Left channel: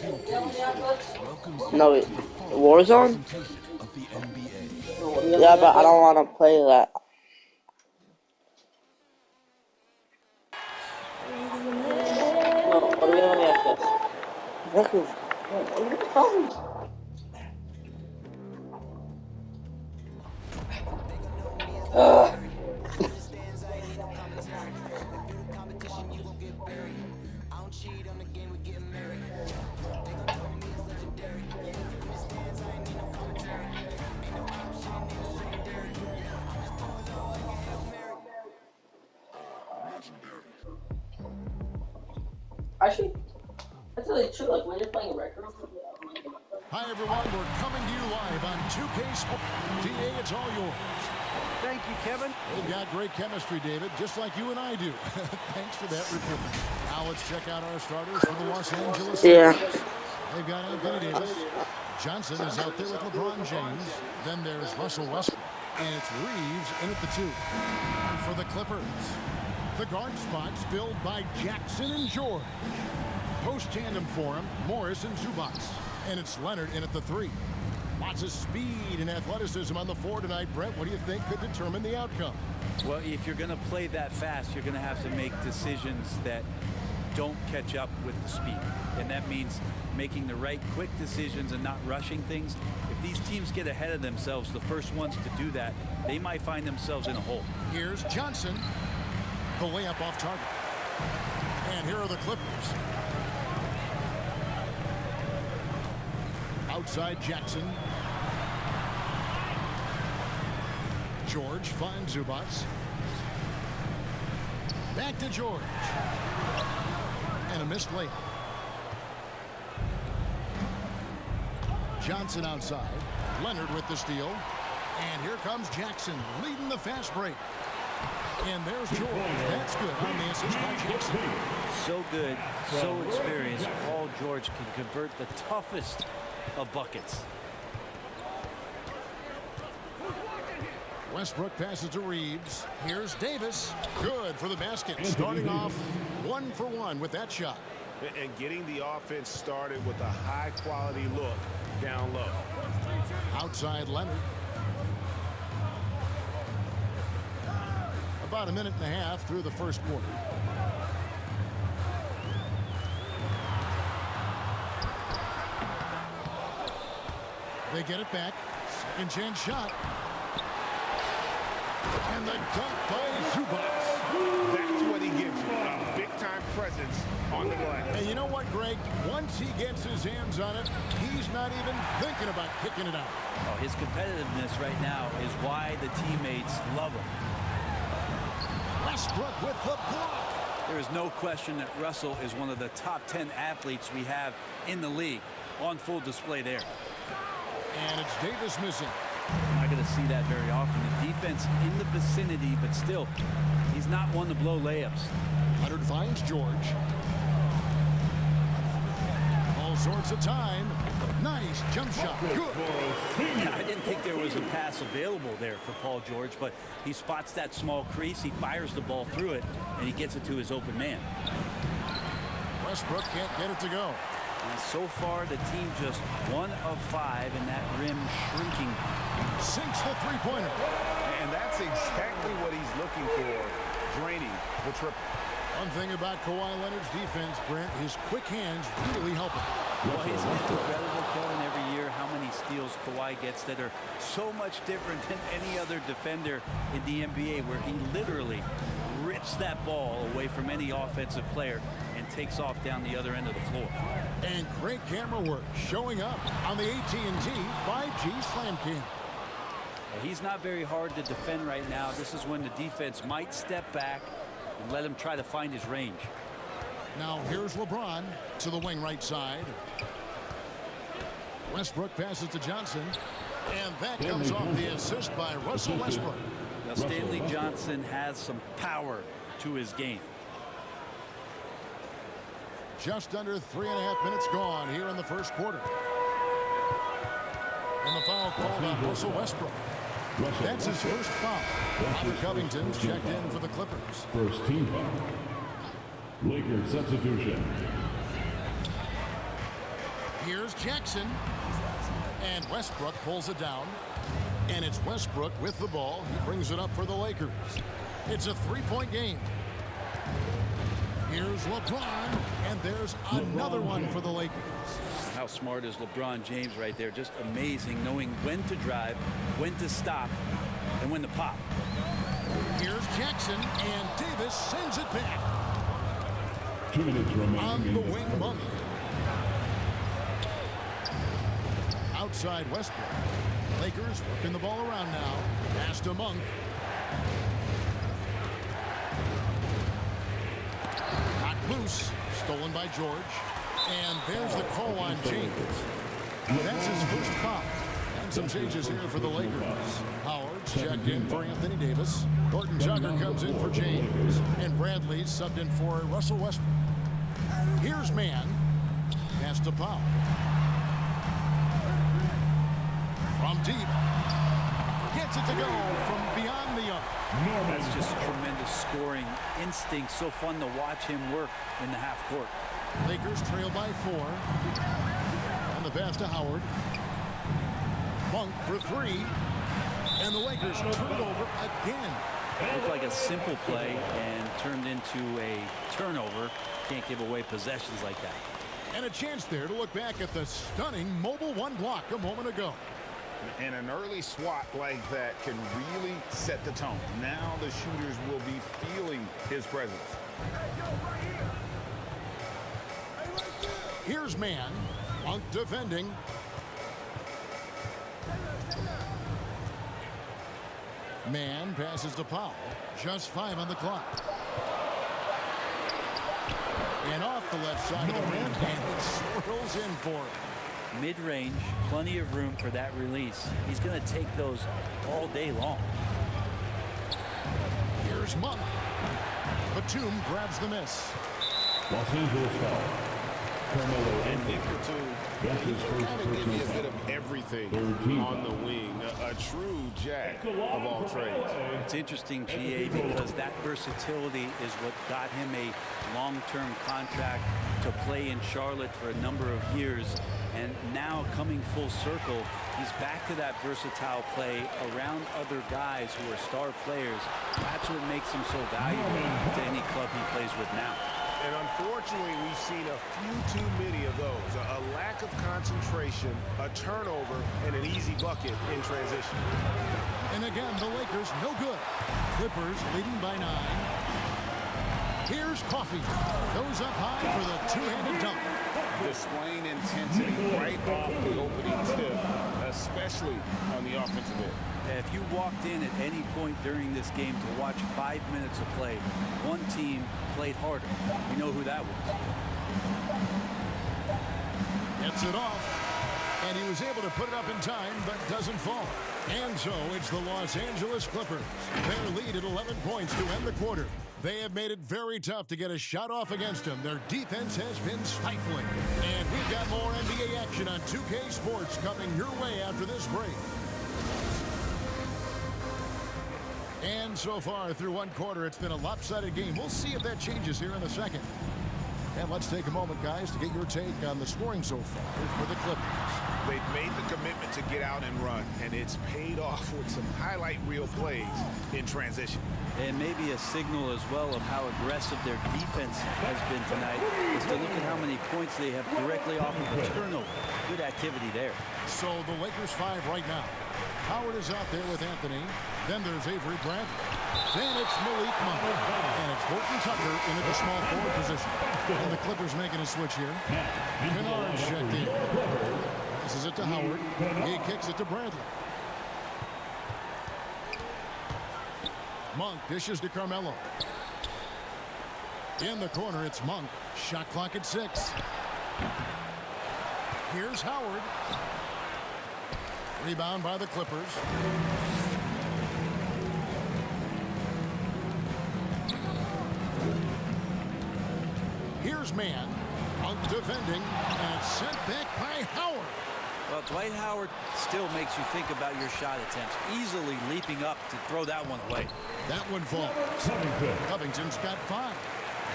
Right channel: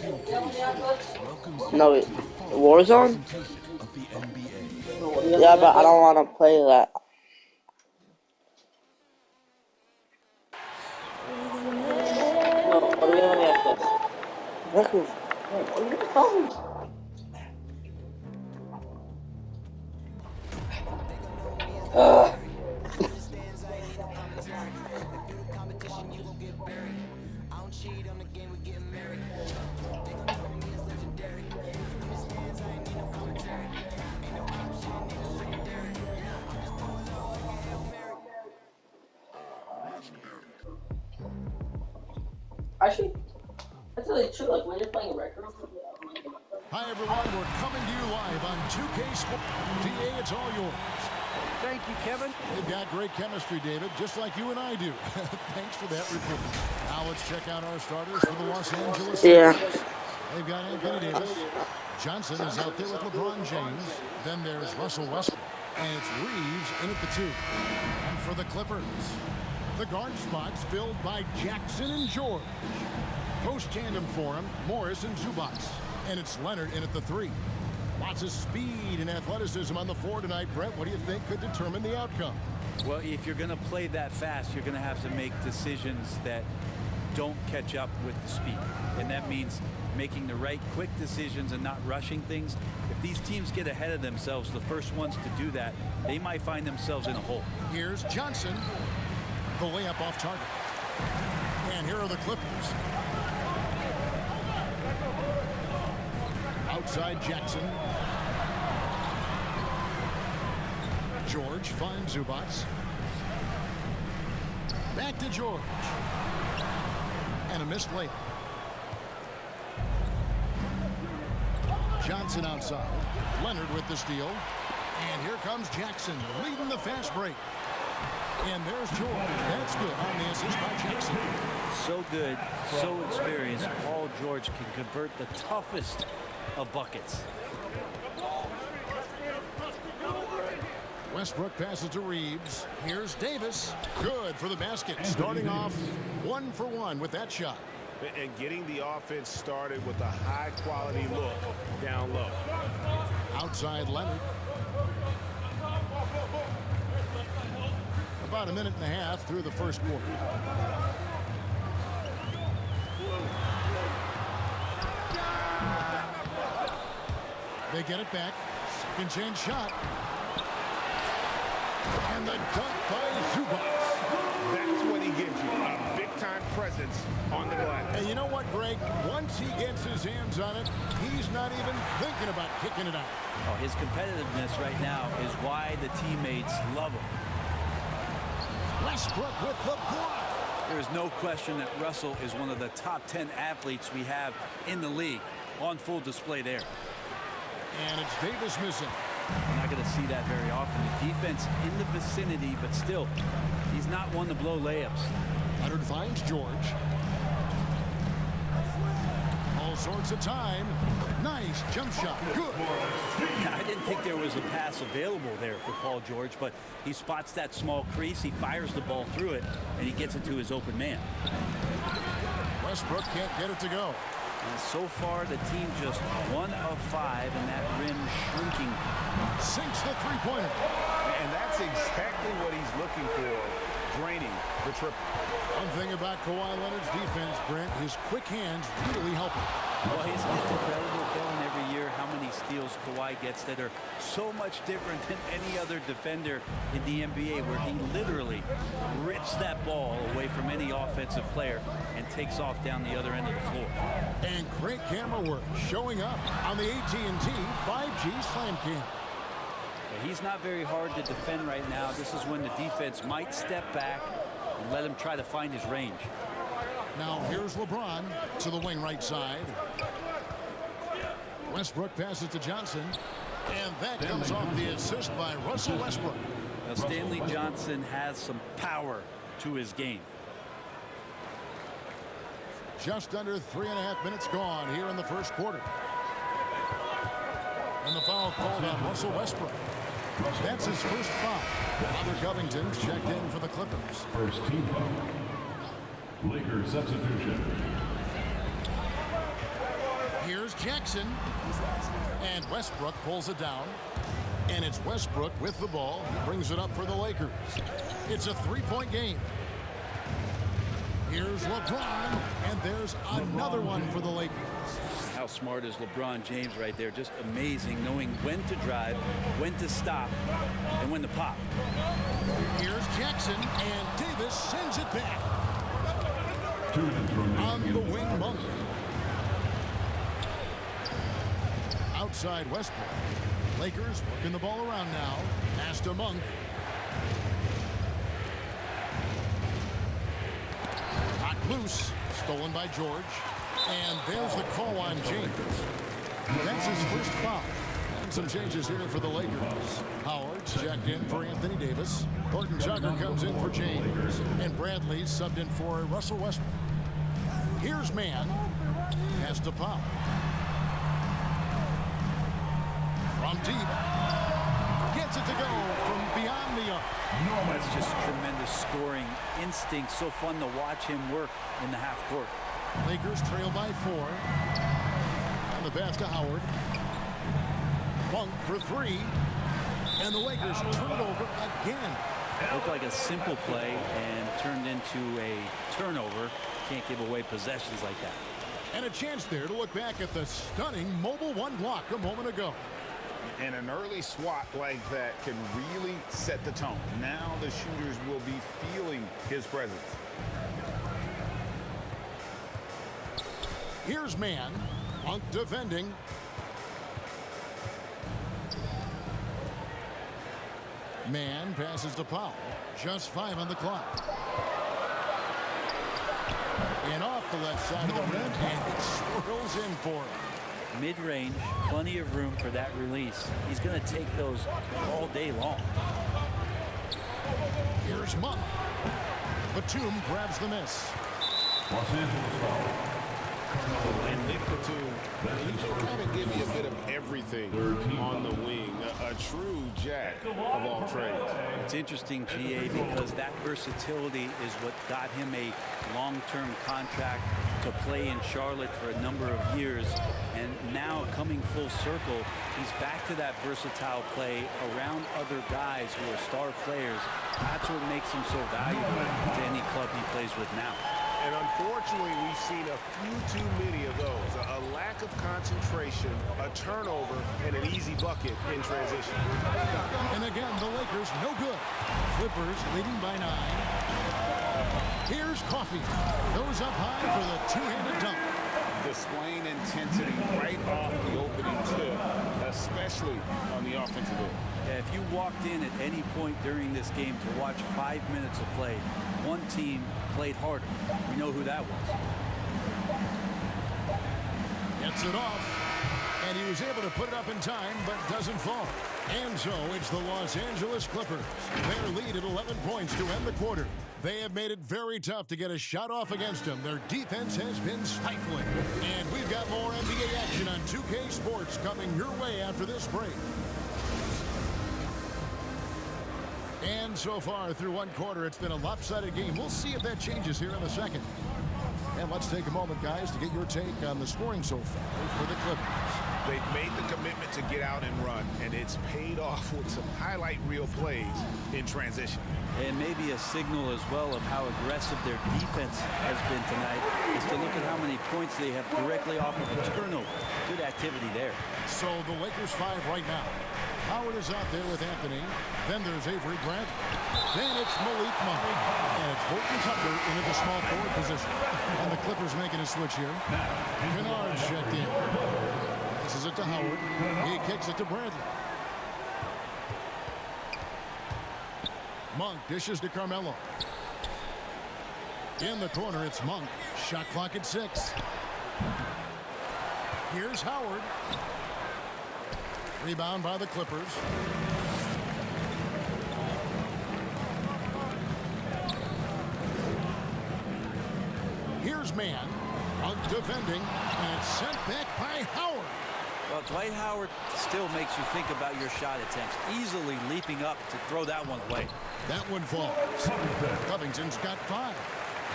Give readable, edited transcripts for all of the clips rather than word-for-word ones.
No, Warzone? Yeah, but I don't want to play that. No, what are we doing after this? Exactly. What are you talking about? Actually, that's really true. Like when you're playing record. Hi everyone, we're coming to you live on 2K Sports. DA, it's all yours. Thank you, Kevin. They've got great chemistry, David, just like you and I do. Thanks for that report. Now let's check out our starters for the Los Angeles Lakers. They've got Anthony Davis. Johnson is out there with LeBron James. Then there's Russell Westbrook. And it's Reeves in at the 2. And for the Clippers, the guard spots filled by Jackson and George. Post tandem for him, Morris and Zubac. And it's Leonard in at the 3. Lots of speed and athleticism on the 4 tonight. Brett, what do you think could determine the outcome? Well, if you're going to play that fast, you're going to have to make decisions that don't catch up with the speed. And that means making the right quick decisions and not rushing things. If these teams get ahead of themselves, the first ones to do that, they might find themselves in a hole. Here's Johnson. The layup off target. And here are the Clippers. Outside Jackson. George finds Zubac. Back to George. And a missed layup. Johnson outside. Leonard with the steal. And here comes Jackson leading the fast break. And there's George. That's good on the assist by Jackson. So good, so experienced. Paul George can convert the toughest of buckets. Westbrook passes to Reeves. Here's Davis. Good for the basket. Starting off 1 for 1 with that shot. And getting the offense started with a high-quality look down low. Outside Leonard. About a minute and a half through the first quarter. They get it back. Second chance shot. And the dunk by Zubac. That's what he gives you, a big-time presence on the glass. And you know what, Greg? Once he gets his hands on it, he's not even thinking about kicking it out. Oh, his competitiveness right now is why the teammates love him. Westbrook with the block. There is no question that Russell is one of the top 10 athletes we have in the league. On full display there. And it's Davis missing. We're not going to see that very often. The defense in the vicinity, but still, he's not one to blow layups. Leonard finds George. All sorts of time. Nice jump shot. Good. I didn't think there was a pass available there for Paul George, but he spots that small crease, he fires the ball through it, and he gets it to his open man. Westbrook can't get it to go. And so far, the team just 1 of 5, and that rim shrinking. Sinks the three-pointer. And that's exactly what he's looking for, draining the triple. One thing about Kawhi Leonard's defense, Brent, his quick hands really help him. Well, isn't it incredible, Kevin, every year how many steals Kawhi gets that are so much different than any other defender in the NBA, where he literally rips that ball away from any offensive player and takes off down the other end of the floor. And great camera work showing up on the AT&T 5G Slam Cam. Yeah, he's not very hard to defend right now. This is when the defense might step back and let him try to find his range. Now here's LeBron to the wing right side. Westbrook passes to Johnson. And that comes off the assist by Russell Westbrook. Now, Stanley Johnson has some power to his game. Just under 3.5 minutes gone here in the first quarter. And the foul called on Russell Westbrook. That's his first foul. Robert Covington's checked in for the Clippers. First team foul. Lakers substitution. Here's Jackson. And Westbrook pulls it down. And it's Westbrook with the ball. He brings it up for the Lakers. It's a three-point game. Here's LeBron, and there's another one for the Lakers. How smart is LeBron James right there? Just amazing, knowing when to drive, when to stop, and when to pop. Here's Jackson, and Davis sends it back. 2 minutes remaining. On the wing, Monk. Outside Westbrook. Lakers working the ball around now. Pass to Monk. Knocked loose. Stolen by George. And there's the call on James. That's his first foul. And some changes here for the Lakers. Howard's checked in for Anthony Davis. Horton Tucker comes in for James. And Bradley's subbed in for Russell Westbrook. Here's Mann. Pass to Powell. From deep. Gets it to go from beyond the arc. That's just tremendous scoring instinct. So fun to watch him work in the half court. Lakers trail by 4. And the pass to Howard. Monk for 3. And the Lakers turn it over again. Looked like a simple play and turned into a turnover. Can't give away possessions like that. And a chance there to look back at the stunning mobile one block a moment ago. And an early swat like that can really set the tone. Now the shooters will be feeling his presence. Here's Mann. Monk defending. Mann passes to Powell. Just 5 on the clock. And off the left side of the rim, and it swirls in for him. Mid-range, plenty of room for that release. He's going to take those all day long. Here's Monk. Batum grabs the miss. Los Angeles foul. And Nick Batum, he can kind of give you a bit of everything on the wing. A true jack of all trades. It's interesting, GA, because that versatility is what got him a long-term contract to play in Charlotte for a number of years. And now coming full circle, he's back to that versatile play around other guys who are star players. That's what makes him so valuable to any club he plays with now. And unfortunately, we've seen a few too many of those. A lack of concentration, a turnover, and an easy bucket in transition. And again, the Lakers no good. Clippers leading by 9. Here's Coffey. Goes up high for the two-handed dunk. Displaying intensity right off the opening tip, especially on the offensive end. Yeah, if you walked in at any point during this game to watch 5 minutes of play, one team played harder. We know who that was. Gets it off, and he was able to put it up in time, but doesn't fall. And so it's the Los Angeles Clippers. Their lead at 11 points to end the quarter. They have made it very tough to get a shot off against them. Their defense has been stifling. And we've got more NBA action on 2K Sports coming your way after this break. And so far through one quarter, it's been a lopsided game. We'll see if that changes here in the second. And let's take a moment, guys, to get your take on the scoring so far for the Clippers. They've made the commitment to get out and run, and it's paid off with some highlight reel plays in transition. And maybe a signal as well of how aggressive their defense has been tonight is to look at how many points they have directly off of a turnover. Good activity there. So the Lakers 5 right now. Howard is out there with Anthony. Then there's Avery Bradley. Then it's Malik Monk. And it's Horton Tucker into the small forward position. And the Clippers making a switch here. Kennard's checked in. Passes it to Howard. He kicks it to Bradley. Monk dishes to Carmelo. In the corner, it's Monk. Shot clock at 6. Here's Howard. Rebound by the Clippers. Here's Mann. Monk defending, and it's sent back by Howard. Well, Dwight Howard still makes you think about your shot attempts, easily leaping up to throw that one away. That one falls. Covington's got 5.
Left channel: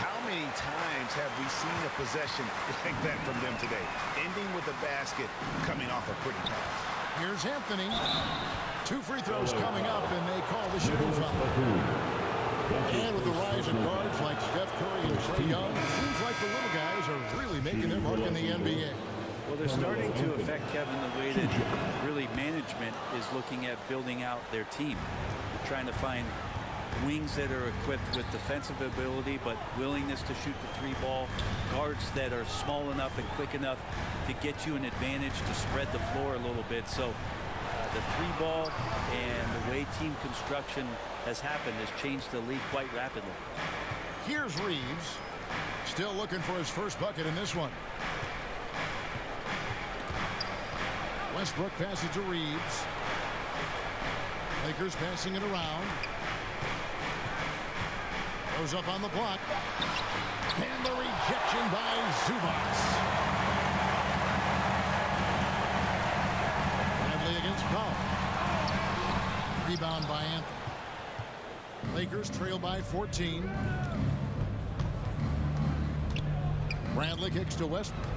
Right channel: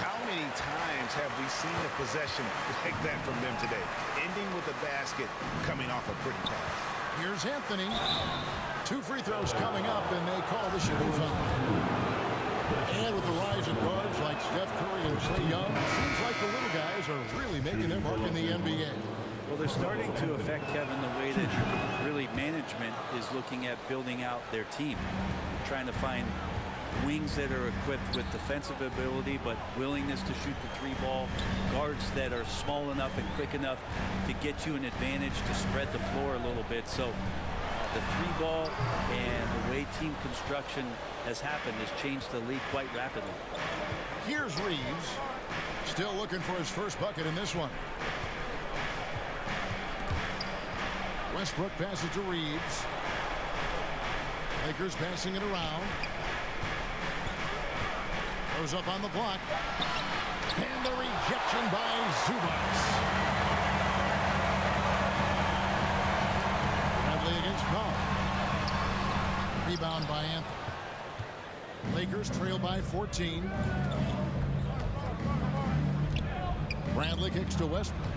How many times have we seen a possession like that from them today? Ending with a basket, coming off a pretty pass. Here's Anthony. 2 free throws coming up, and they call the shooting foul. And with the rise of guards like Steph Curry and Trae Young, it seems like the little guys are really making their mark in the NBA. Well, they're starting to affect, Kevin, the way that really management is looking at building out their team. They're trying to find wings that are equipped with defensive ability but willingness to shoot the 3-ball, guards that are small enough and quick enough to get you an advantage to spread the floor a little bit. So the 3-ball and the way team construction has happened has changed the league quite rapidly. Here's Reeves, still looking for his first bucket in this one. Westbrook passes to Reeves. Lakers passing it around. Goes up on the block. And the rejection by Zubac. Bradley against Powell. Rebound by Anthony. Lakers trail by 14. Bradley kicks to Westbrook.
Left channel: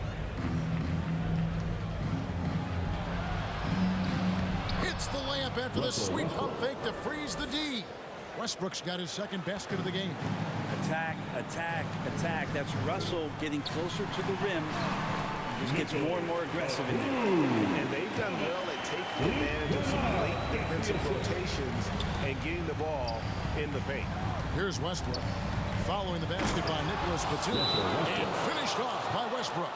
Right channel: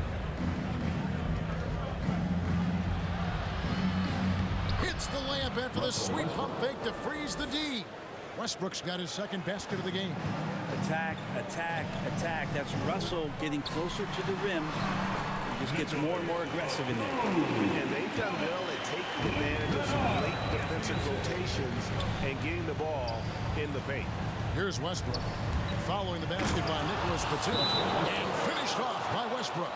Hits the layup after the sweet pump fake to freeze the D. Westbrook's got his second basket of the game. Attack, attack, attack. That's Russell getting closer to the rim. He just gets more and more aggressive in there. And they've done well at taking advantage of some late defensive rotations and getting the ball in the paint. Here's Westbrook. Following the basket by Nicholas Batum. And finished off by Westbrook.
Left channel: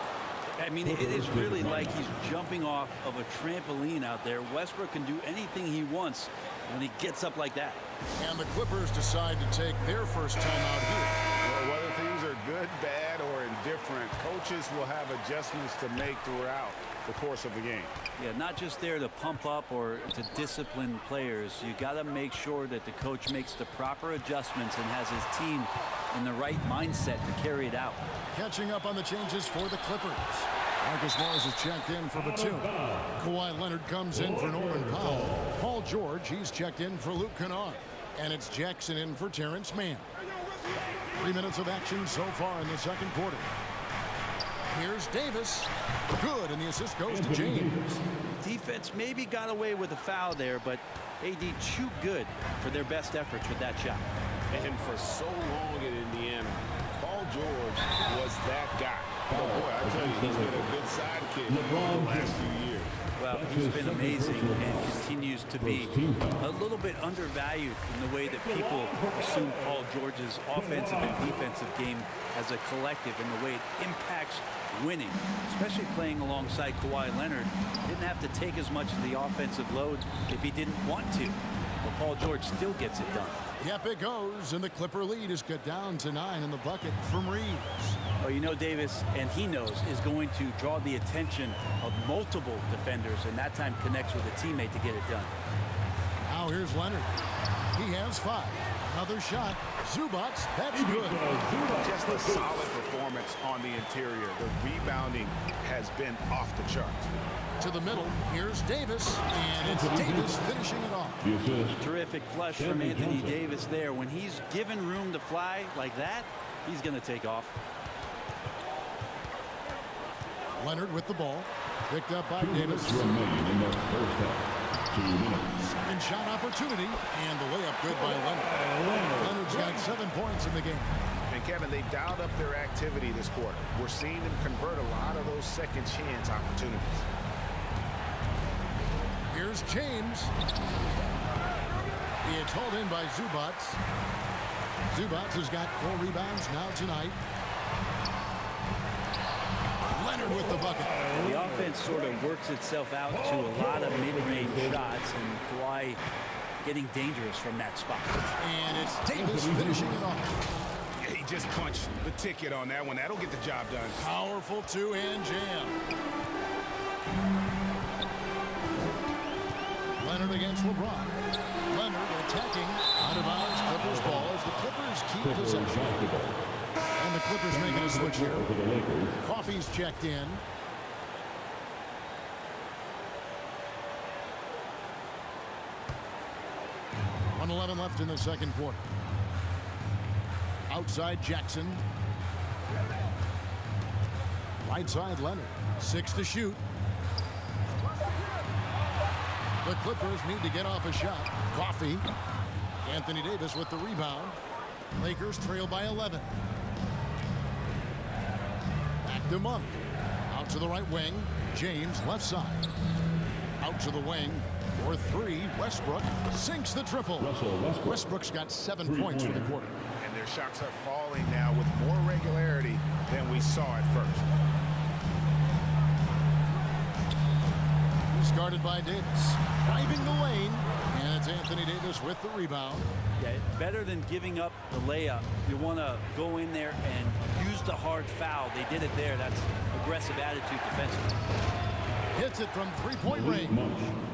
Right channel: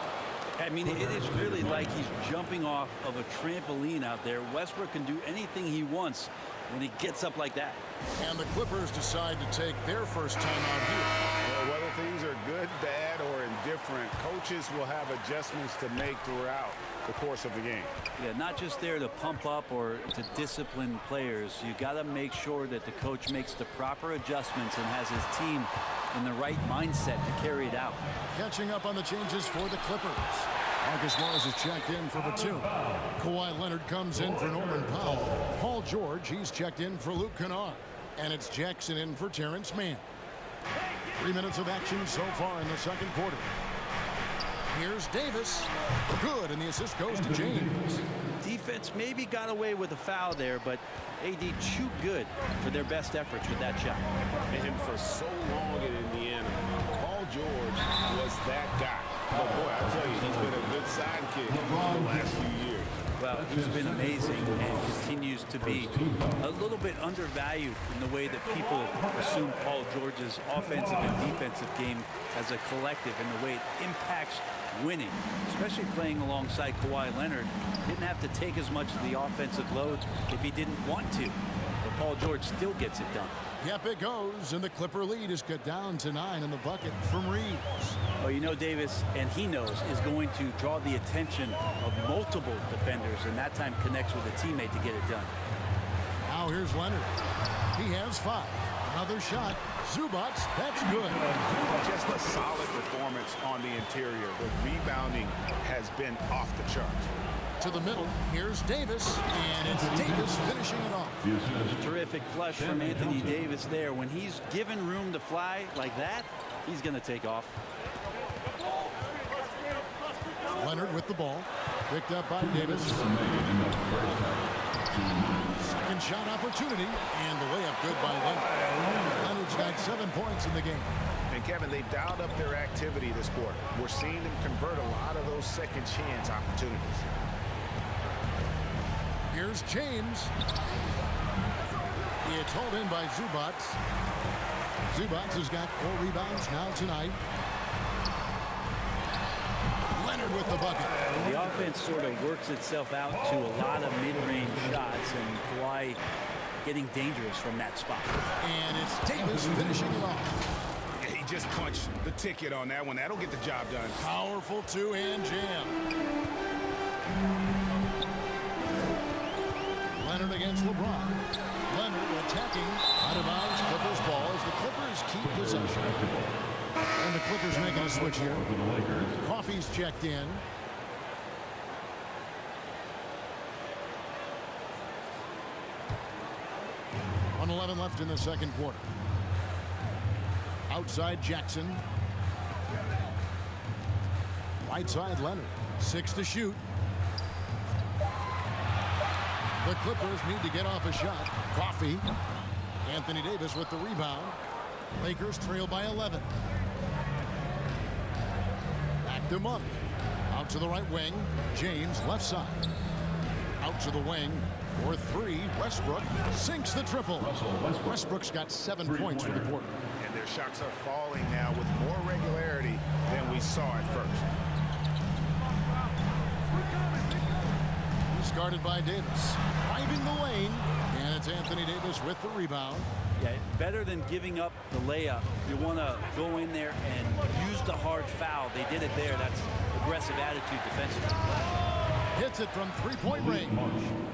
I mean, it is really like he's jumping off of a trampoline out there. Westbrook can do anything he wants when he gets up like that. And the Clippers decide to take their first time out here. Well, whether things are good, bad, or indifferent, coaches will have adjustments to make throughout the course of the game. Yeah, not just there to pump up or to discipline players. You got to make sure that the coach makes the proper adjustments and has his team in the right mindset to carry it out. Catching up on the changes for the Clippers. Marcus Morris is checked in for Batum. Kawhi Leonard comes in for Norman Powell. Paul George, he's checked in for Luke Kennard. And it's Jackson in for Terrence Mann. 3 minutes of action so far in the second quarter. Here's Davis. Good, and the assist goes to James. Defense maybe got away with a foul there, but AD too good for their best efforts with that shot. And for so long in Indiana, Paul George was that guy. But boy, I tell you, he's been a good sidekick the last few years. Well, he's been amazing and continues to be a little bit undervalued in the way that people assume Paul George's offensive and defensive game as a collective and the way it impacts winning, especially playing alongside Kawhi Leonard. Didn't have to take as much of the offensive load if he didn't want to. But Paul George still gets it done. Yep, it goes, and the Clipper lead is cut down to 9 in the bucket from Reeves. Oh, you know, Davis, and he knows, is going to draw the attention of multiple defenders, and that time connects with a teammate to get it done. Now here's Leonard. He has 5. Another shot. Zubac, that's good. Just a solid performance on the interior. The rebounding has been off the charts. To the middle, here's Davis, and it's Davis finishing it off. Terrific flush from Anthony Davis there. When he's given room to fly like that, he's going to take off. Leonard with the ball. Picked up by Davis. Remain in the first half. 2 minutes. Second shot opportunity, and the layup good by Leonard. Leonard's got 7 points in the game. And Kevin, they've dialed up their activity this quarter. We're seeing them convert a lot of those second chance opportunities. Here's James. It's hauled in by Zubac. Zubac has got 4 rebounds now tonight. Leonard with the bucket. The offense sort of works itself out to a lot of mid-range shots, and Kawhi getting dangerous from that spot. And it's Davis finishing it off. He just punched the ticket on that one. That'll get the job done. Powerful two-hand jam. Leonard against LeBron. Leonard attacking out of bounds. Clippers ball as the Clippers keep possession. And the Clippers making a switch here. For the Lakers. Coffey's checked in. .111 left in the second quarter. Outside Jackson. Right side Leonard. 6 to shoot. The Clippers need to get off a shot. Coffee. Anthony Davis with the rebound. Lakers trail by 11. Back to Monk. Out to the right wing. James left side. Out to the wing. For 3. Westbrook sinks the triple. Russell Westbrook. Westbrook's got 7 points for the quarter. And their shots are falling now with more regularity than we saw at first. He's guarded by Davis. Driving the lane. And it's Anthony Davis with the rebound. Yeah, better than giving up the layup. You want to go in there and use the hard foul. They did it there. That's aggressive attitude defensively. Hits it from three-point range.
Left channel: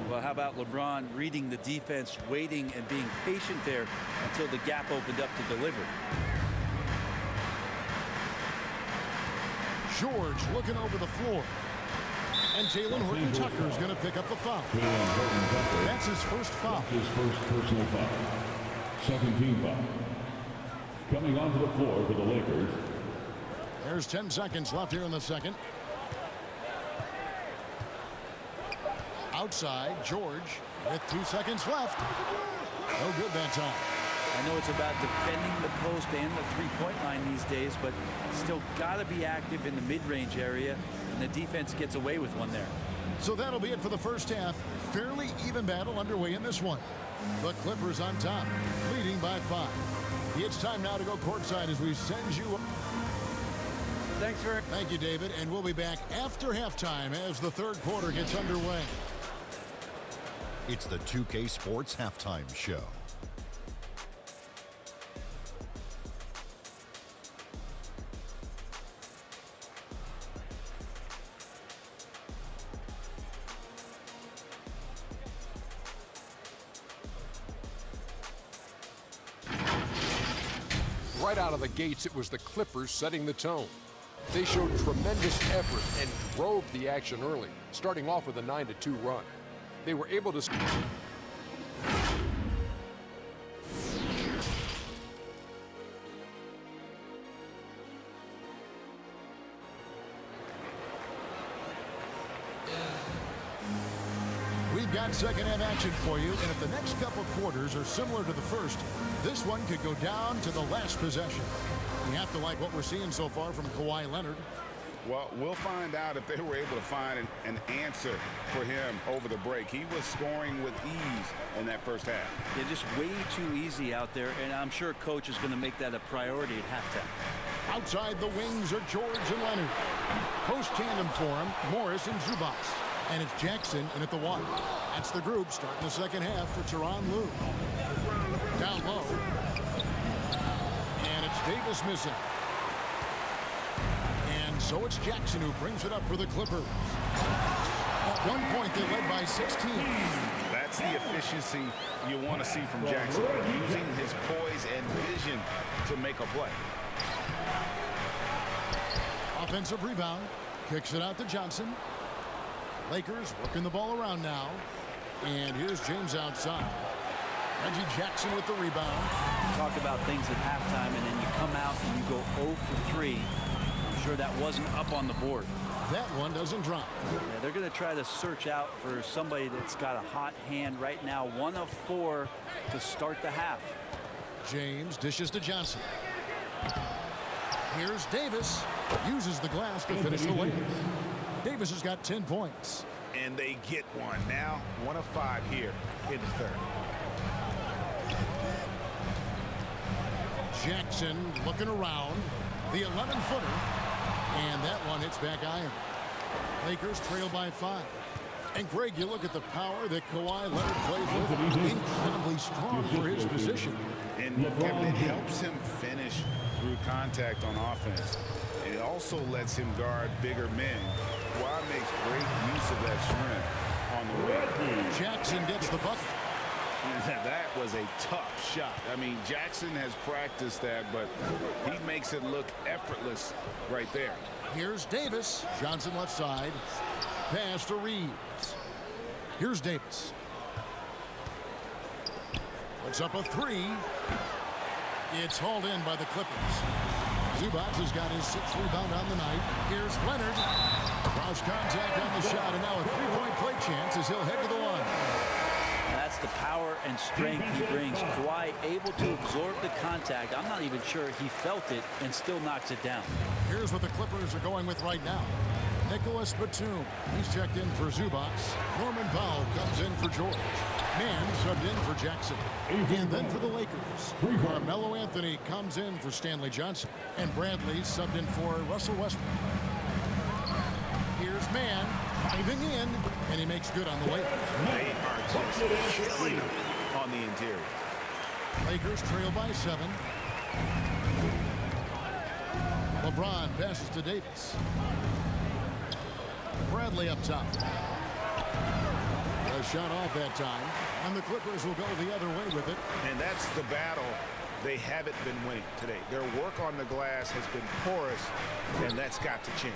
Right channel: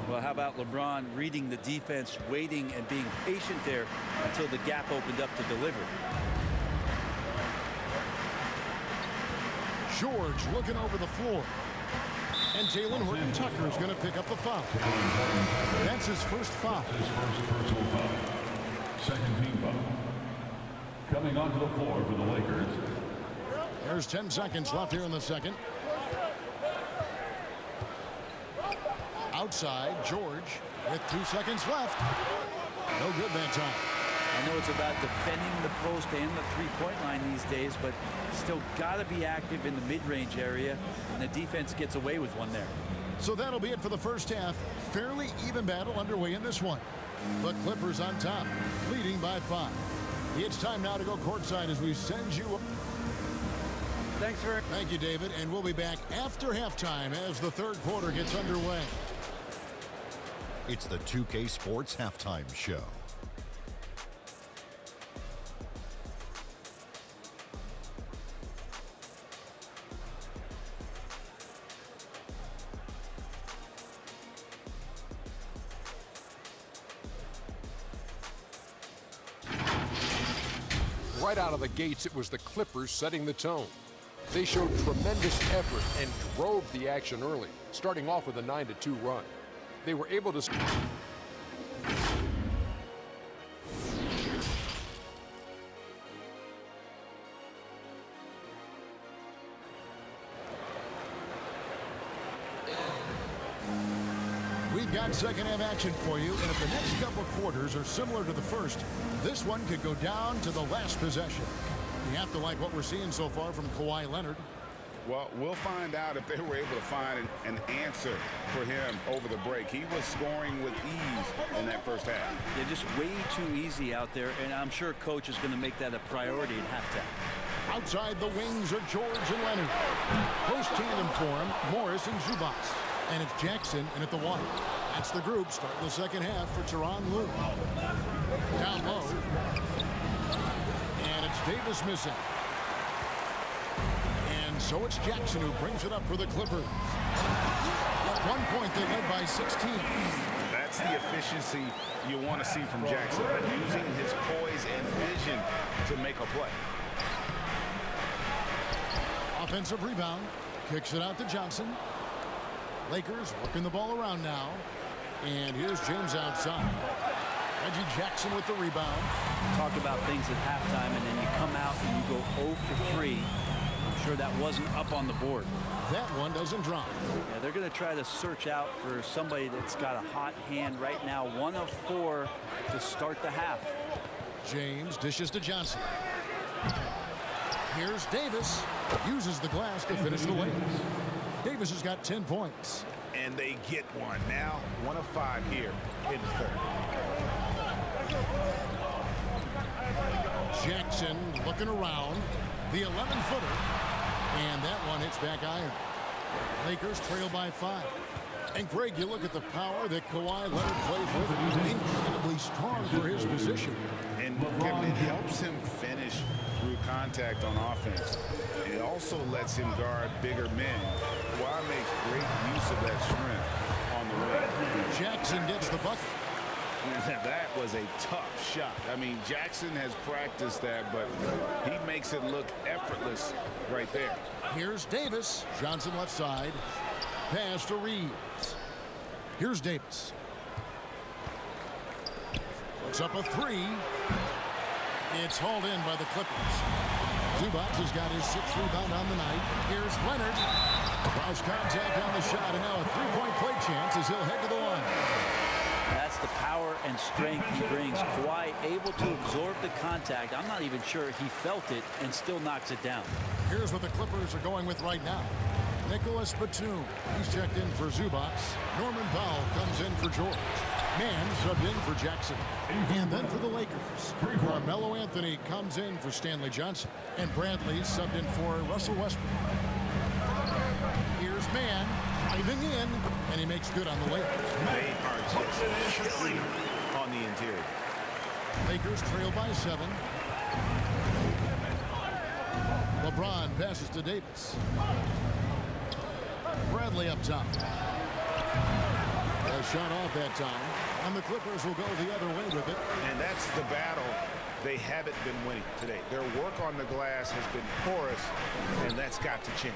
Well, how about LeBron reading the defense, waiting and being patient there until the gap opened up to deliver. George looking over the floor. And Jalen Horton-Tucker is going to pick up the foul. That's his first foul. His first personal foul. Second team foul. Coming onto the floor for the Lakers. There's 10 seconds left here in the second. Outside, George with 2 seconds left. No good that time. I know it's about defending the post and the three-point line these days, but still got to be active in the mid-range area, and the defense gets away with one there. So that'll be it for the first half. Fairly even battle underway in this one. The Clippers on top, leading by 5. It's time now to go courtside as we send you. Thank you, David, and we'll be back after halftime as the third quarter gets underway. It's the 2K Sports Halftime Show. Right out of the gates, it was the Clippers setting the tone. They showed tremendous effort and drove the action early, starting off with a 9-2 run. They were able to... We've got second half action for you, and if the next couple quarters are similar to the first, this one could go down to the last possession. You have to like what we're seeing so far from Kawhi Leonard. Well, we'll find out if they were able to find an answer for him over the break. He was scoring with ease in that first half. Yeah, just way too easy out there, and I'm sure coach is going to make that a priority at halftime. Outside the wings are George and Leonard. Post tandem for him, Morris and Zubac. And it's Jackson in at the 1. That's the group starting the second half for Tyronn Lue. Down low. And it's Davis missing. And so it's Jackson who brings it up for the Clippers. At one point, they led by 16. That's the efficiency you want to see from Jackson, using his poise and vision to make a play. Offensive rebound. Kicks it out to Johnson. Lakers working the ball around now. And here's James outside. Reggie Jackson with the rebound. Talk about things at halftime, and then you come out and you go 0 for 3. I'm sure that wasn't up on the board. That one doesn't drop. Yeah, they're going to try to search out for somebody that's got a hot hand right now. 1 of 4 to start the half. James dishes to Johnson. Here's Davis. Uses the glass to finish the layup. Davis has got 10 points. And they get one. Now 1 of 5 here in the third. Jackson looking around. The 11-footer. And that one hits back iron. Lakers trail by 5. And Greg, you look at the power that Kawhi Leonard plays with. Incredibly strong for his position. And Kevin, it helps him finish through contact on offense. It also lets him guard bigger men. Kawhi makes great use of that strength on the wing. Jackson gets the bucket. That was a tough shot. I mean, Jackson has practiced that, but he makes it look effortless right there. Here's Davis. Johnson left side. Pass to Reeves. Here's Davis. Puts up a 3. It's hauled in by the Clippers. Zubac has got his 6th rebound on the night. Here's Leonard. Cross contact on the shot, and now a three-point play chance as he'll head to the line. That's the power and strength he brings. Kawhi able to absorb the contact. I'm not even sure he felt it and still knocks it down. Here's what the Clippers are going with right now. Nicholas Batum. He's checked in for Zubac. Norman Powell comes in for George. Mann subbed in for Jackson. And then for the Lakers, Carmelo Anthony comes in for Stanley Johnson. And Bradley subbed in for Russell Westbrook. Here's Mann driving in, and he makes good on the layup. They are just killing them on the interior. Lakers trail by 7. LeBron passes to Davis. Bradley up top. A shot off that time, and the Clippers will go the other way with it. And that's the battle they haven't been winning today. Their work on the glass has been porous, and that's got to change.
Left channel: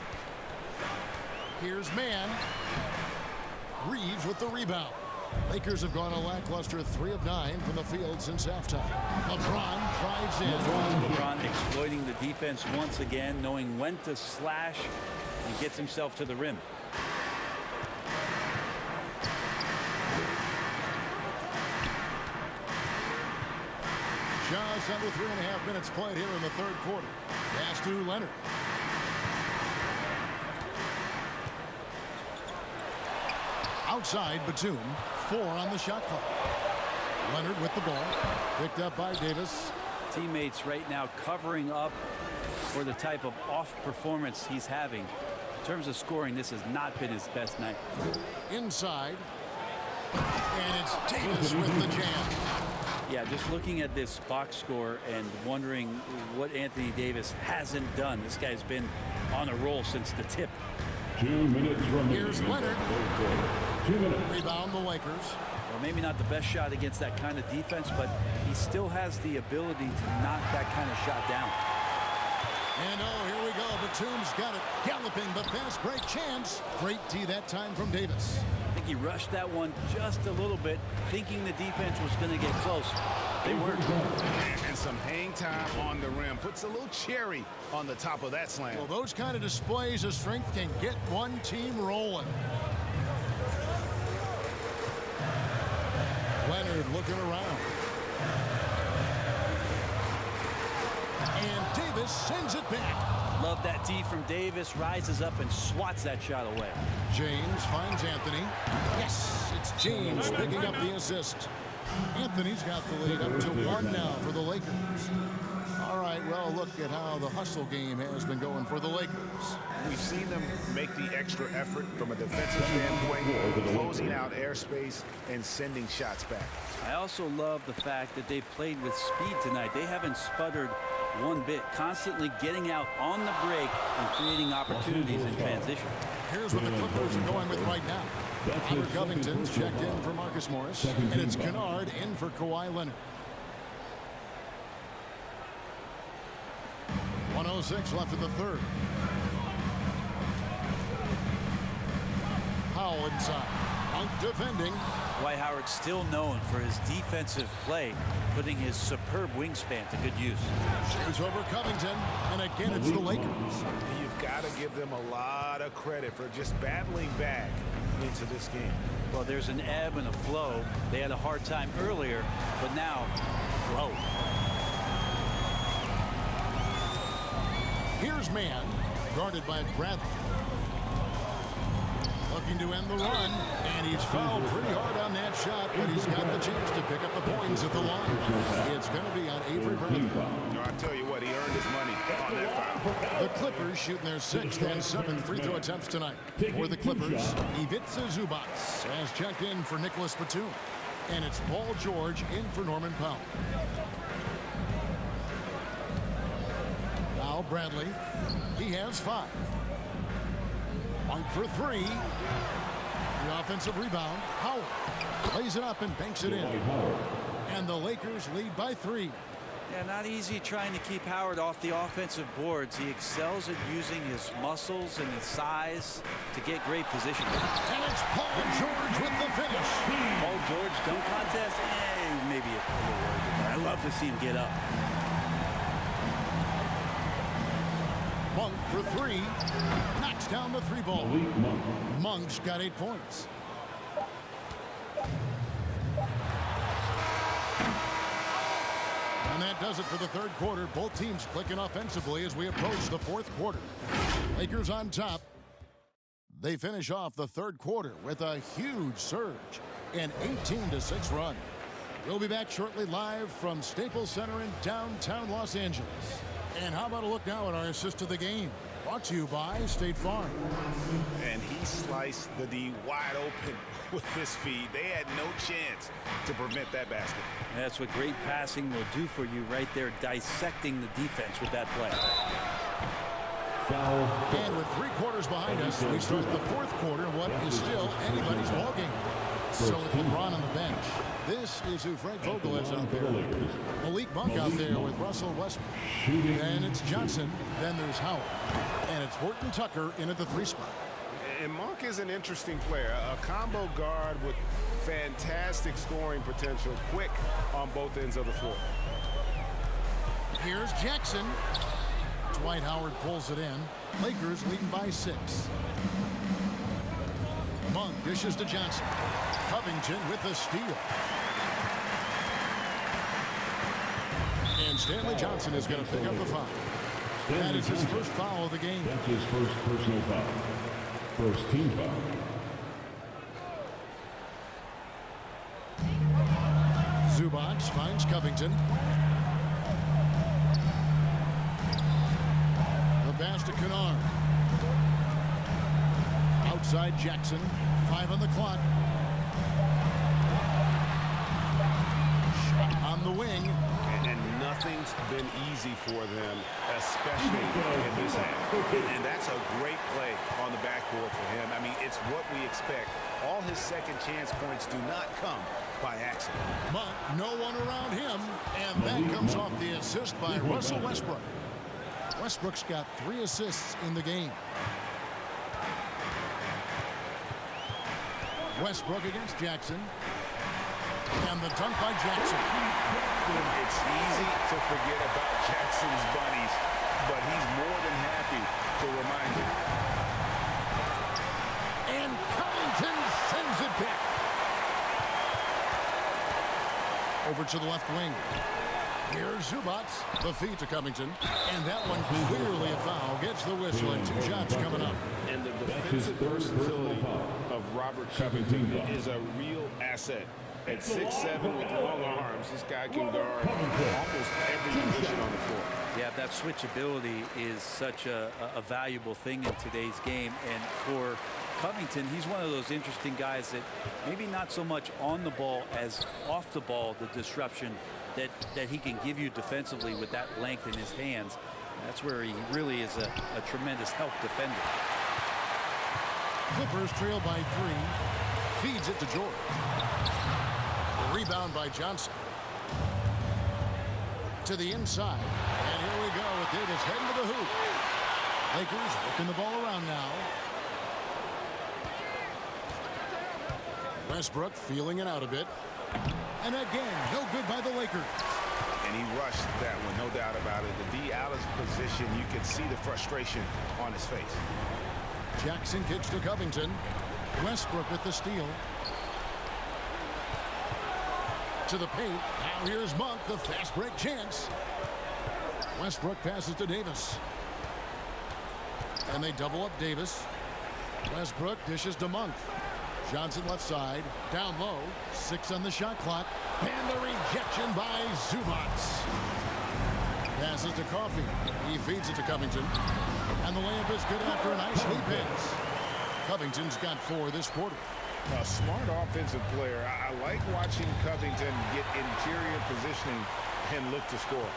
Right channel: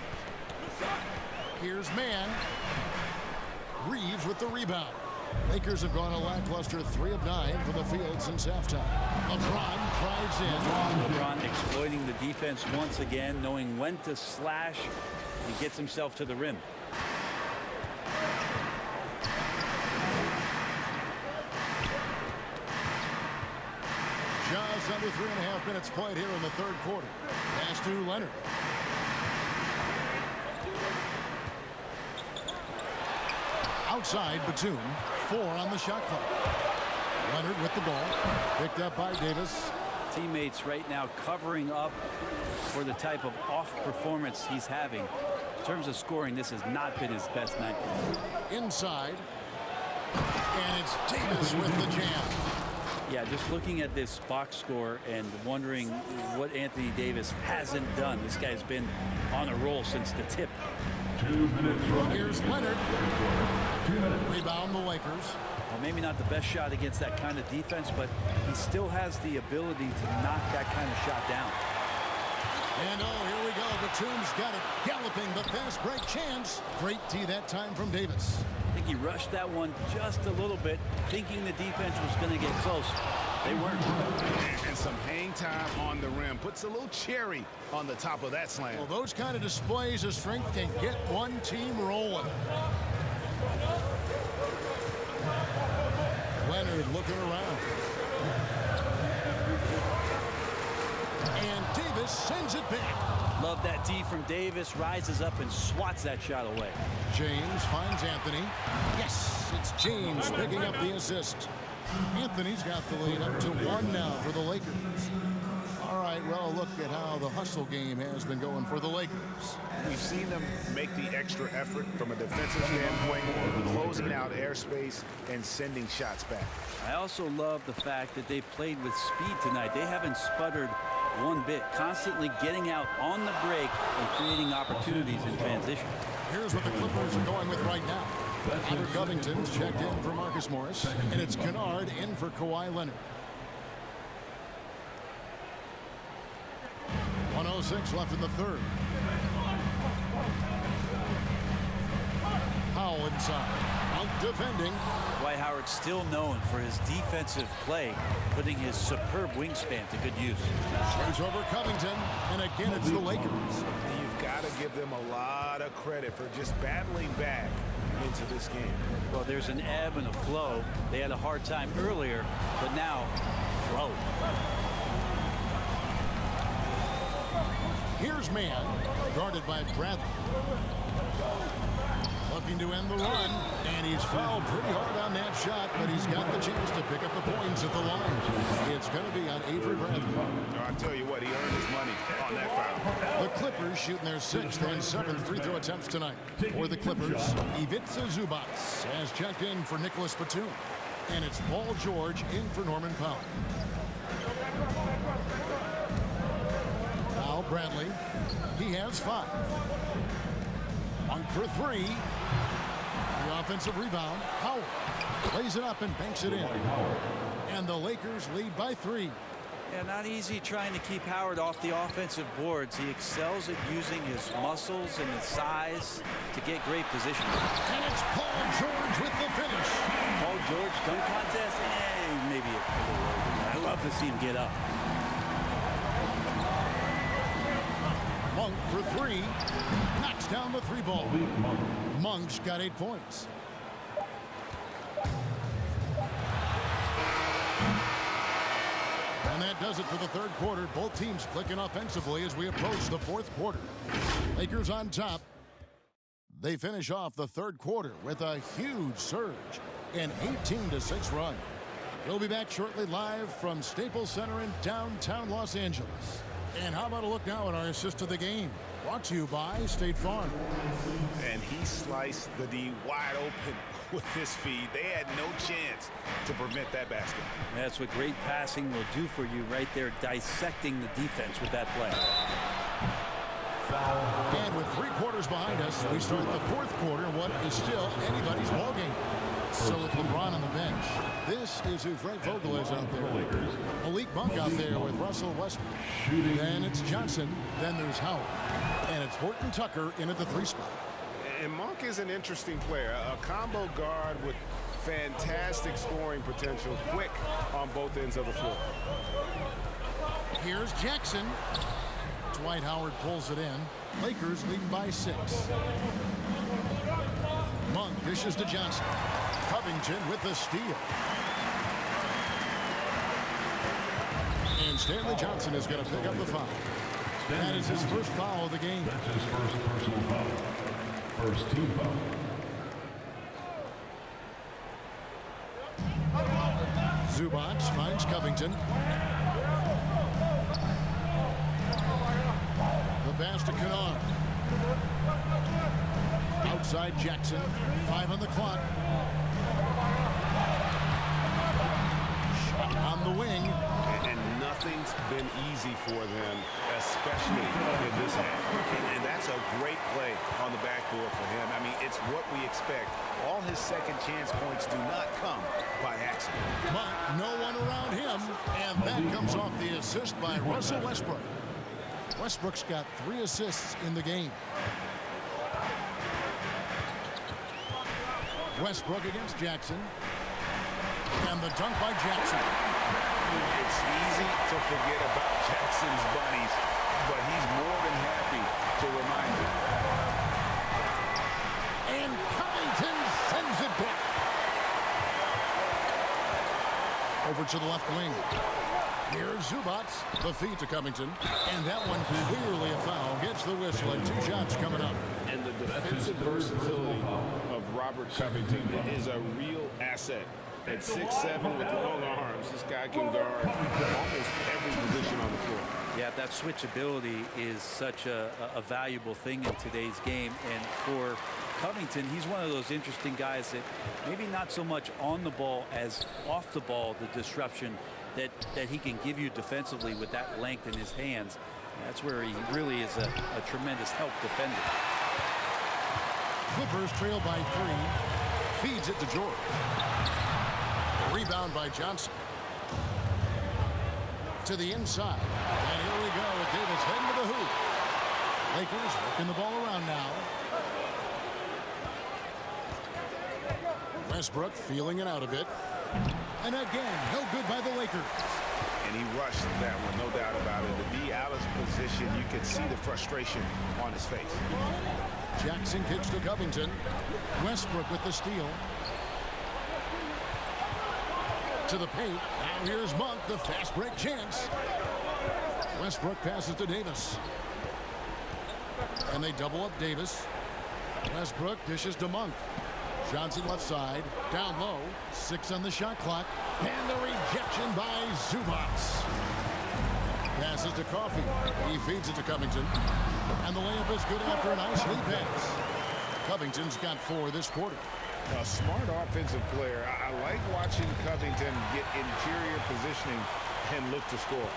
Here's Mann. Reeves with the rebound. Lakers have gone a lackluster 3 of 9 from the field since halftime. LeBron drives in. LeBron exploiting the defense once again, knowing when to slash. He gets himself to the rim. Just under 3.5 minutes played here in the third quarter. Pass to Leonard. Outside Batum. 4 on the shot clock. Leonard with the ball. Picked up by Davis. Teammates right now covering up for the type of off performance he's having. In terms of scoring, this has not been his best night. Inside. And it's Davis with the jam. Yeah, just looking at this box score and wondering what Anthony Davis hasn't done. This guy's been on a roll since the tip. 2 minutes remaining. Here's Leonard. 2 minutes. Rebound the Lakers. Well, maybe not the best shot against that kind of defense, but he still has the ability to knock that kind of shot down. And oh, here we go. Batum's got it. Galloping the fast break chance. Great tee that time from Davis. I think he rushed that one just a little bit, thinking the defense was going to get close. They weren't. And some hang time on the rim. Puts a little cherry on the top of that slam. Well, those kind of displays of strength can get one team rolling. Leonard looking around. And Davis sends it back. Love that D from Davis. Rises up and swats that shot away. James finds Anthony. Yes, it's James picking up the assist. Anthony's got the lead up to 1 now for the Lakers. All right, well, look at how the hustle game has been going for the Lakers. We've seen them make the extra effort from a defensive standpoint, closing out airspace and sending shots back. I also love the fact that they played with speed tonight. They haven't sputtered one bit, constantly getting out on the break and creating opportunities in transition. Here's what the Clippers are going with right now. Robert Covington's checked in for Marcus Morris, and it's Kennard in for Kawhi Leonard. 1:06 left in the third. Powell inside. Out defending. Dwight Howard still known for his defensive play, putting his superb wingspan to good use. Shoots over Covington, and again it's the Lakers. And you've got to give them a lot of credit for just battling back into this game. Well, there's an ebb and a flow. They had a hard time earlier, but now, flow. Here's Mann, guarded by Bradley. Looking to end the run, and he's fouled pretty hard on that shot, but he's got the chance to pick up the points at the line. It's going to be on Avery Bradley. No, I tell you what, he earned his money on that foul. The Clippers shooting their 6th and 7th free throw attempts tonight. For the Clippers, Ivica Zubac has checked in for Nicholas Batum, and it's Paul George in for Norman Powell. Now Bradley, he has 5. One for 3. The offensive rebound. Howard lays it up and banks it in. And the Lakers lead by 3. Yeah, not easy trying to keep Howard off the offensive boards. He excels at using his muscles and his size to get great position. And it's Paul George with the finish. Paul George dunk contest? Maybe a little over, but I love to see him get up. Monk for three. Knocks down the three ball. Malik Monk. Monk's got 8 points. And that does it for the third quarter. Both teams clicking offensively as we approach the fourth quarter. Lakers on top. They finish off the third quarter with a huge surge, an 18-6 run. We'll be back shortly live from Staples Center in downtown Los Angeles. And how about a look now at our assist to the game? Brought to you by State Farm. And he sliced the D wide open with this feed. They had no chance to prevent that basket. That's what great passing will do for you right there, dissecting the defense with that play. Foul. And with 3 quarters behind us, we start the fourth quarter in what is still anybody's ballgame. So with LeBron on the bench, this is who Frank Vogel is out there. Malik Monk out there with Russell Westbrook. Then it's Johnson. Then there's Howard. And it's Horton Tucker in at the 3 spot. And Monk is an interesting player, a combo guard with fantastic scoring potential, quick on both ends of the floor. Here's Jackson. Dwight Howard pulls it in. Lakers leading by 6. Monk dishes to Johnson. Covington with the steal. And Stanley Johnson is going to pick up the foul. That is his first foul of the game. That's his first personal foul. First team foul. Zubac finds Covington. The pass to Kennard. Outside Jackson. 5 on the clock. Shot on the wing. And nothing's been easy for them, especially in this half. And that's a great play on the backboard for him. I mean, it's what we expect. All his second chance points do not come by accident. Monk, no one around him. And that comes off the assist by Russell Westbrook. Westbrook's got 3 assists in the game. Westbrook against Jackson. And the dunk by Jackson. It's easy to forget about Jackson's bunnies, but he's more than happy to remind you. And Covington sends it back. Over to the left wing. Here's Zubac. The feed to Covington. And that one clearly a foul. Gets the whistle and 2 shots coming up. And the defensive versatility of Robert Covington is a real asset. At 6'7" with long arms, this guy can guard almost every position on the floor. Yeah, that switchability is such a valuable thing in today's game. And for Covington, he's one of those interesting guys that maybe not so much on the ball as off the ball, the disruption that he can give you defensively with that length in his hands. And that's where he really is a tremendous help defender. Clippers trail by 3. Feeds it to George. Rebound by Johnson. To the inside. And here we go with Davis heading to the hoop. Lakers working the ball around now. Westbrook feeling it out a bit. And again, no good by the Lakers. And he rushed that one, no doubt about it. The D out of position, you could see the frustration on his face. Jackson kicks to Covington. Westbrook with the steal. To the paint. Now here's Monk, the fast break chance. Westbrook passes to Davis. And they double up Davis. Westbrook dishes to Monk. Johnson left side. Down low. 6 on the shot clock. And the rejection by Zubac. Passes to Coffey. He feeds it to Covington. And the layup is good after a nice lead pass. Covington's got 4 this quarter. A smart offensive player. I like watching Covington get interior positioning and look to score.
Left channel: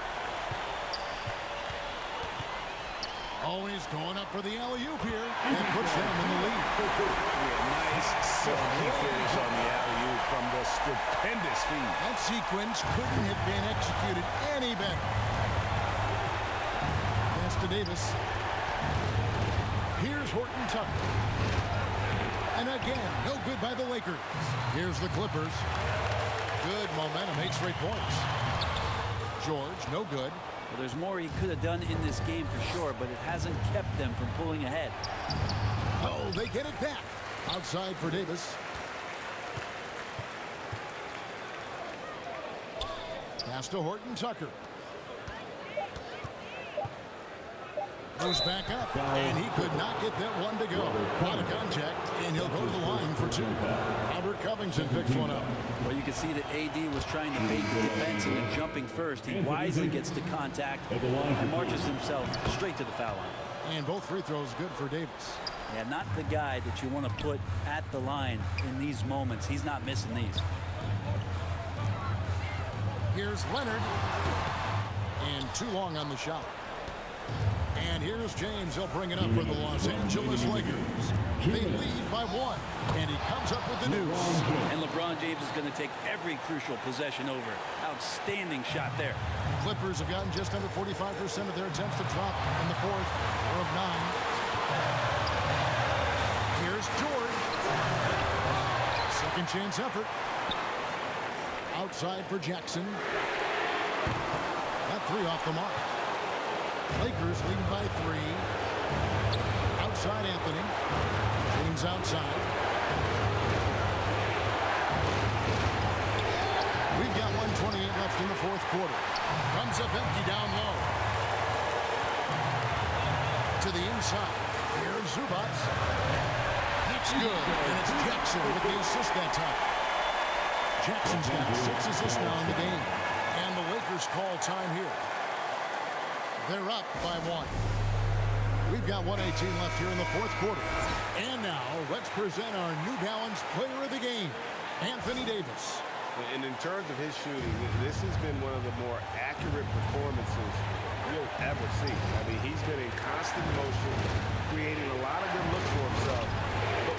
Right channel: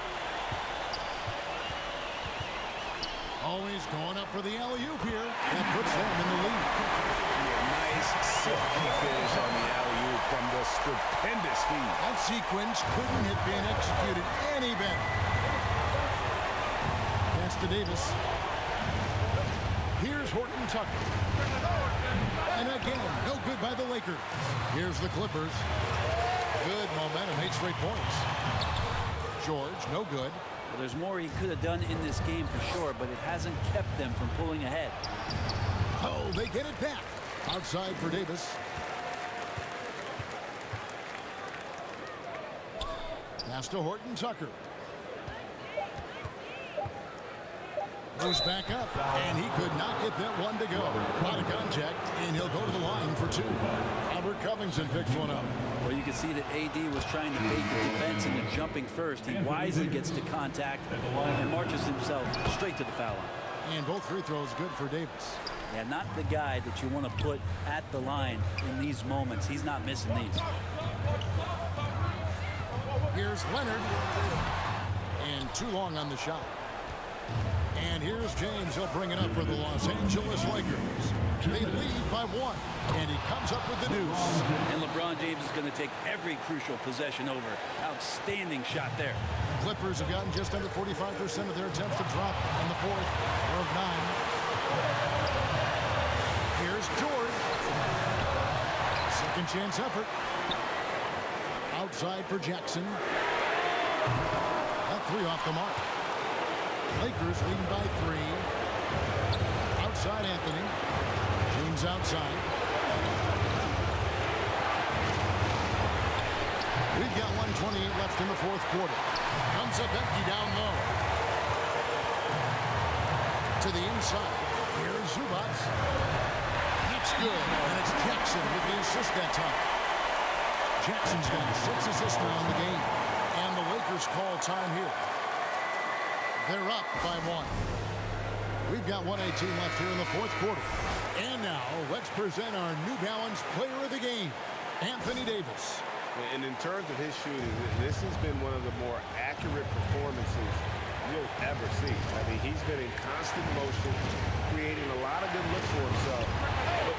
Always going up for the alley-oop here. And puts them in the lead. Yeah, nice silky finish on the alley-oop from the stupendous feed. That sequence couldn't have been executed any better. Pass to Davis. Here's Horton Tucker. And again, no good by the Lakers. Here's the Clippers. Good momentum, 8 straight points. George, no good. Well, there's more he could have done in this game for sure, but it hasn't kept them from pulling ahead. Oh, they get it back. Outside for Davis. Pass to Horton Tucker. Goes back up, and he could not get that one to go. Out of contact, and he'll go to the line for 2. Robert Covington picks one up. Well, you can see that AD was trying to bait the defense into jumping first. He wisely gets to contact and marches himself straight to the foul line. And both free throws good for Davis. Yeah, not the guy that you want to put at the line in these moments. He's not missing these. Here's Leonard. And too long on the shot. And here's James. He'll bring it up for the Los Angeles Lakers. They lead by 1. And he comes up with the news. And LeBron James is going to take every crucial possession over. Outstanding shot there. The Clippers have gotten just under 45% of their attempts to drop in the 4th. They're of 9. Here's George. Second chance effort. Outside for Jackson. That 3 off the mark. Lakers leading by 3. Outside Anthony. James outside. We've got 1:28 left in the 4th quarter. Comes up empty down low. To the inside. Here's Zubac. That's good. And it's Jackson with the assist that time. Jackson's got 6 assists now in the game. And the Lakers call time here. They're up by 1. We've got 1:18 left here in the 4th quarter. And now, let's present our New Balance Player of the Game, Anthony Davis. And in terms of his shooting, this has been one of the more accurate performances you'll ever see. I mean, he's been in constant motion, creating a lot of good looks for himself.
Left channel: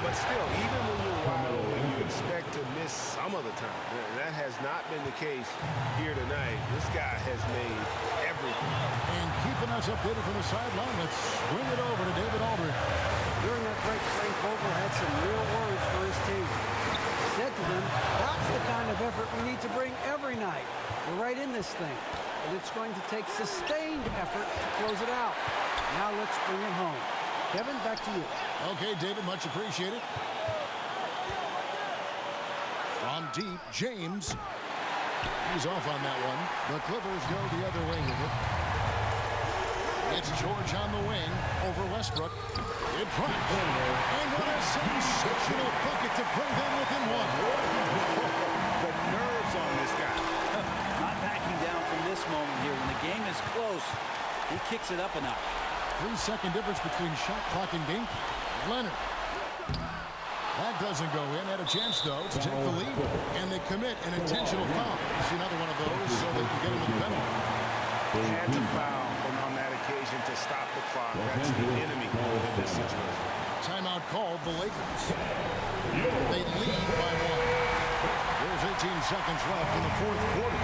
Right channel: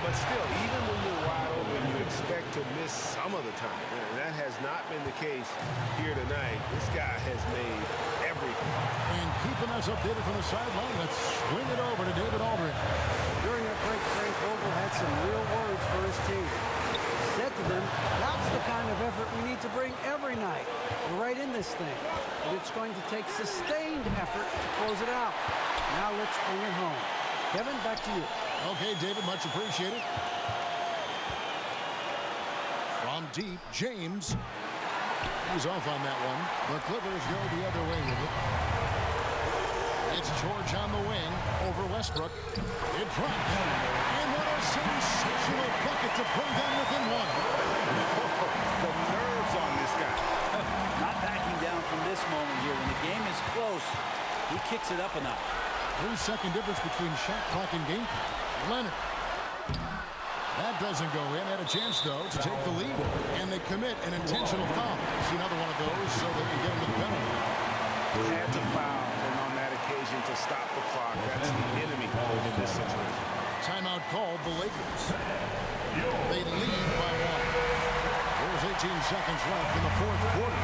But still, even when you're wide open, you expect to miss some of the time. And that has not been the case here tonight. This guy has made everything. And keeping us updated from the sideline, let's swing it over to David Aldridge. During that break, Frank Vogel had some real words for his team. He said to them, that's the kind of effort we need to bring every night. We're right in this thing, but it's going to take sustained effort to close it out. Now let's bring it home. Kevin, back to you. Okay, David, much appreciated. From deep, James. He's off on that one. The Clippers go the other way with it. It's George on the wing over Westbrook. It drops. And what a sensational bucket to bring them within 1. The nerves on this guy. Not backing down from this moment here. When the game is close, he kicks it up a notch. 3-second difference between shot clock and game clock. Leonard. That doesn't go in. Had a chance, though, to take the lead. And they commit an intentional foul. See another one of those so they can get into the penalty. Had to foul, and on that occasion to stop the clock. That's the enemy in this situation. Timeout called the Lakers. They lead by 1. There's 18 seconds left in the 4th quarter.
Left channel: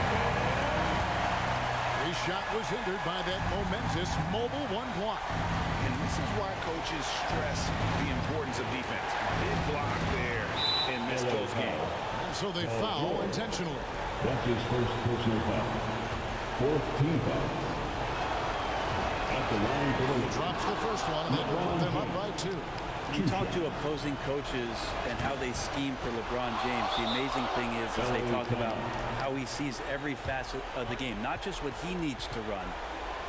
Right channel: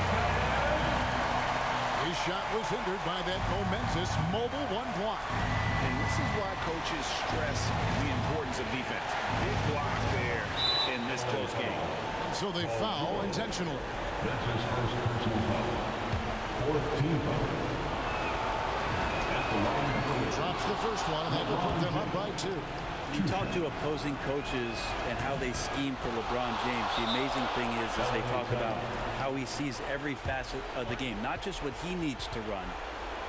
His shot was hindered by that momentous mobile 1 block. And this is why coaches stress the importance of defense. Big block there in this close game. And so they foul intentionally. That's his first personal foul. 4th team foul. At the line for the Lakers. Drops the first one, and that will put them up by 2. You talk to opposing coaches and how they scheme for LeBron James. The amazing thing is they talk about how he sees every facet of the game, not just what he needs to run,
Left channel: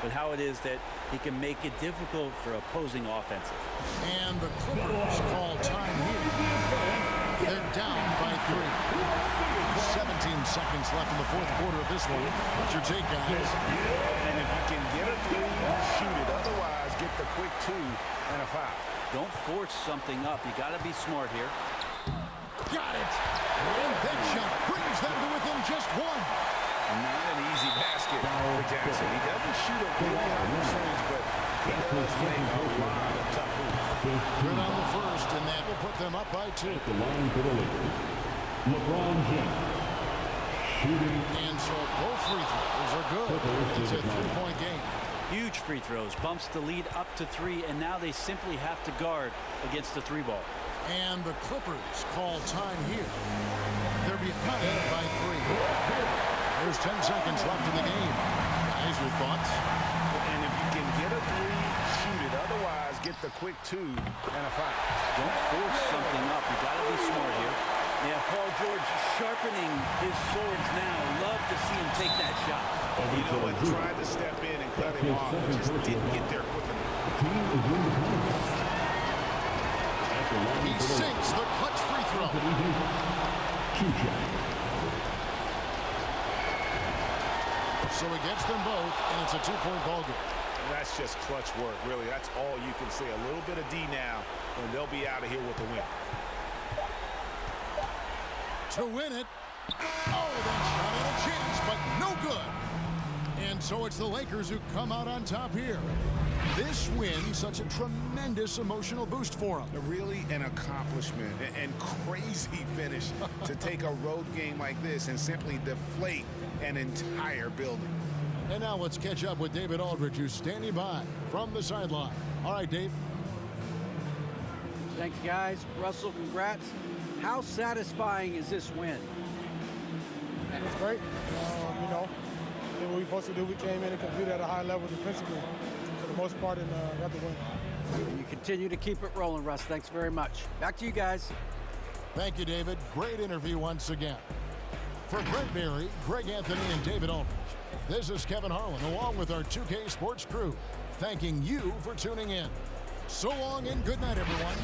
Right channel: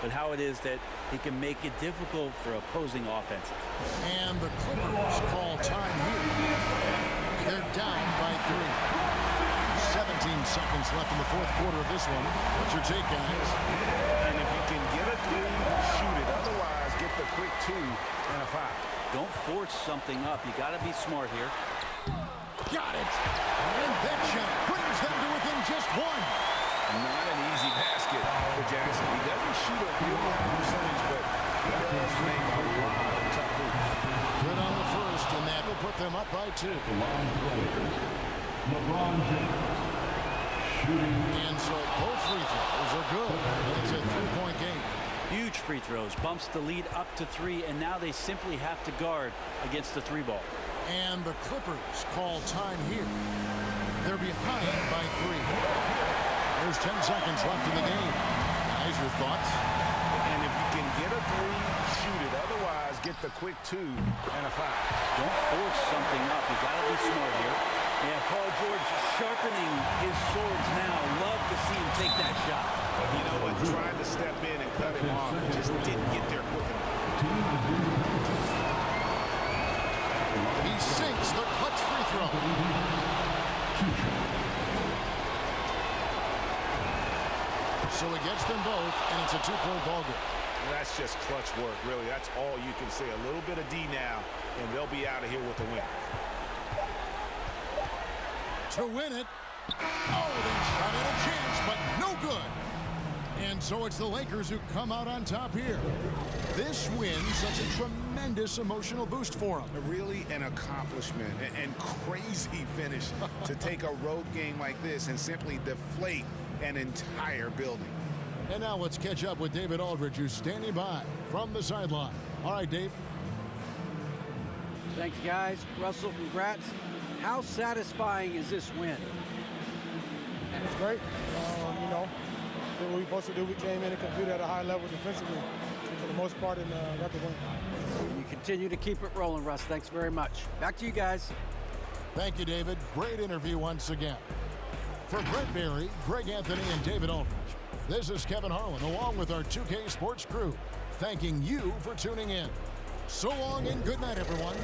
but how it is that he can make it difficult for opposing offenses. And the Clippers call time here. They're down by 3. 17 seconds left in the 4th quarter of this one. What's your take, guys? And if you can get a 3, shoot it. Otherwise, get the quick 2 and a foul. Don't force something up. You got to be smart here. Got it. And that shot brings them to within just 1. Not an easy basket for Jackson. He doesn't shoot a really high percentage, but he does make a lot of tough hoops. Good on the first, and that will put them up by 2. At the line for the Lakers. LeBron James. Shooting. And so both free throws are good. And it's a 3-point game. Huge free throws. Bumps the lead up to 3, and now they simply have to guard against the 3 ball. And the Clippers call time here. They're behind by 3. There's 10 seconds left in the game. Guys, your thoughts? And if you can get a 3, shoot it. Otherwise, get the quick 2 and a foul. Don't force something up. You got to be smart here. Yeah, Paul George sharpening his swords now. Love to see him take that shot. You know what? Tried to step in and cut him off, but just didn't get there quick enough. The team is in the penalty. He sinks the clutch free throw. Anthony Davis. 2 shots. So it gets them both, and it's a 2-point ball game. That's just clutch work, really. That's all you can say. A little bit of D now, and they'll be out of here with the win. To win it. Oh, they shot at a chance, but no good. And so it's the Lakers who come out on top here. This win, such a tremendous emotional boost for them. Really an accomplishment and crazy finish to take a road game like this and simply deflate an entire building. And now let's catch up with David Aldridge, who's standing by from the sideline. All right, Dave. Thanks, guys. Russell, congrats. How satisfying is this win? It's great. You know, did what we were supposed to do. We came in and competed at a high level defensively for the most part and got the win. And you continue to keep it rolling, Russ. Thanks very much. Back to you guys. Thank you, David. Great interview once again. For Brent Barry, Greg Anthony, and David Aldridge, this is Kevin Harlan along with our 2K Sports crew, thanking you for tuning in. So long and good night, everyone.